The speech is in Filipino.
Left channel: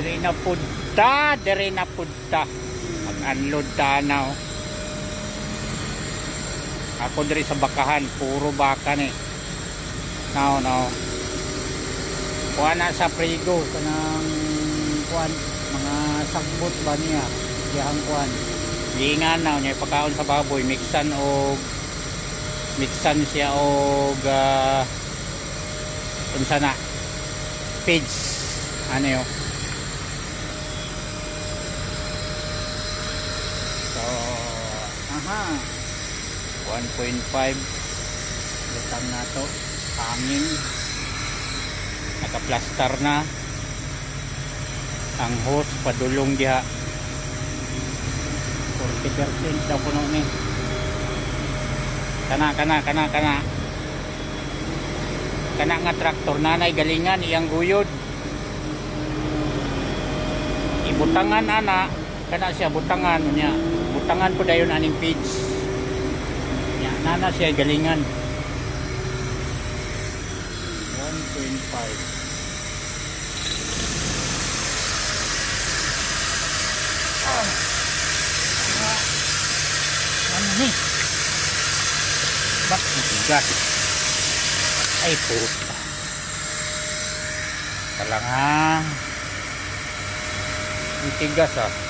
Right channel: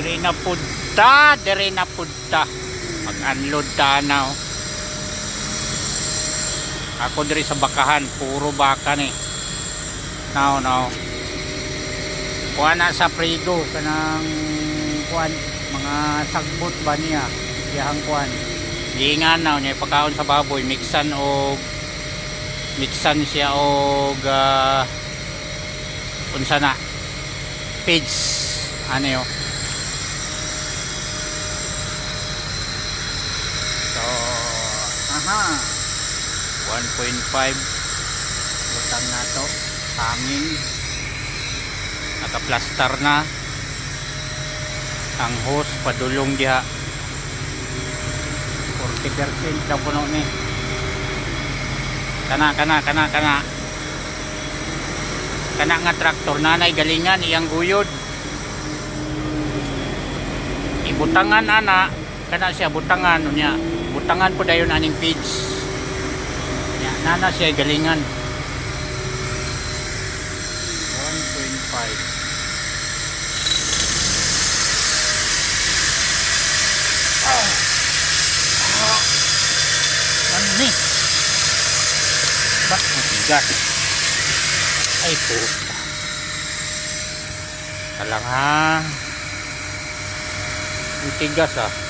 Diri na punta. Mag-unload tanaw. Ako diri sa bakahan, puro baka ni. Now. Kuha na sa prigo kanang kuan mga sagbot ba niya. Iyang kuan. Giingan na niya pagkaon sa baboy, mixan siya og unsa na pigs ano yo. So 1.5 butang na to, hangin, nakaplastar na ang hose, padulong diha 40% daw puno ni. Kana nga traktor nanay galingan iyang guyod, ibutangan ana kana siya butangan unya, butangan po dayon aning feeds nya nana siya galingan 1.5. Ano ni? Ba't matigas? Ay puta. Talang ha. Matigas ah.